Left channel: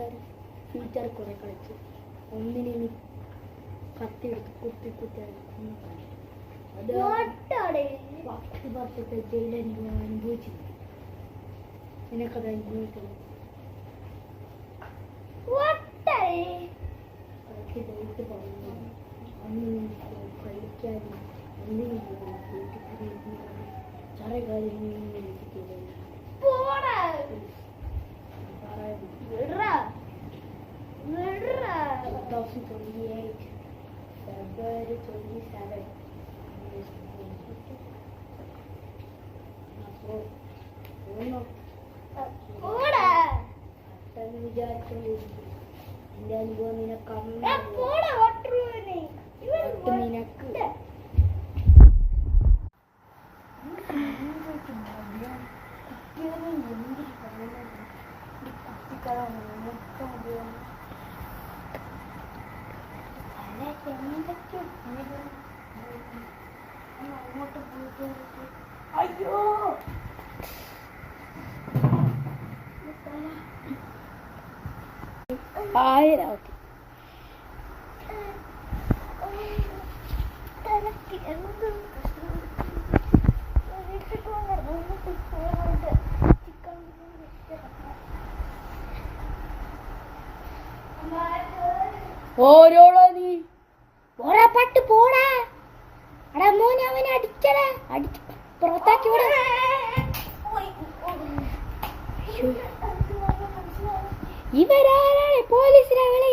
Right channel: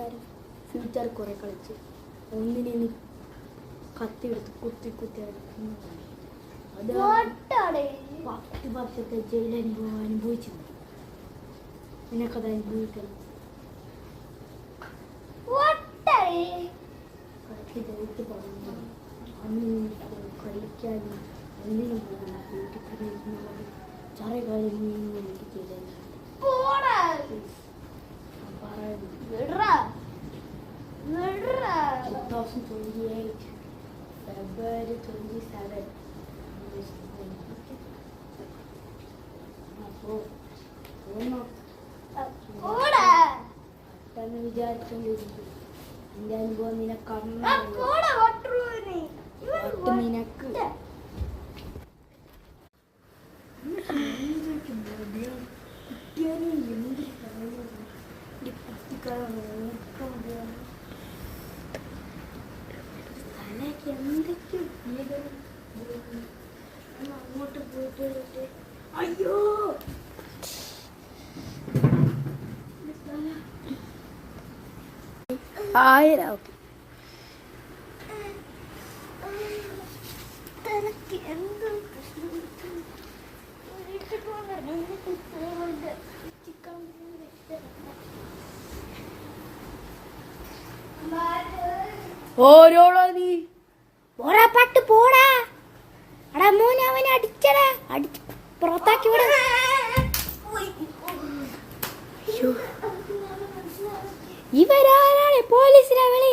എല്ലാവരും ഫ്യൂച്ചർ കുറെ കളിച്ച് ഒന്നിനെ കത്തിയെടുത്ത് കുത്തി അത് 10 വർഷത്തെ ജയിലനുഭവം അനുഭവിച്ചു. നിനക്കത് അനുഭവിക്കണം. കളിക്ക് പറഞ്ഞു അന്ന് കളിക്കാനും ഒന്നിനും ചെറിയ കാര്യം എനിക്ക് ചെയ്തു. February 27 വിചാരിച്ചോണ്ടിരിക്കും. എന്റെ അനുഭവം നിനക്ക് അങ്ങോട്ട് പോയിട്ട് അയ്യോ ഓരോളോ നീ പോടാ പട്ട് പോടാ. അടാ മോനെ അവനെ അടിച്ചടാ, അടിച്ച് പുറത്താക്കി വിട. ഇവരാരാണ്? പോലീസിനെ വിളി.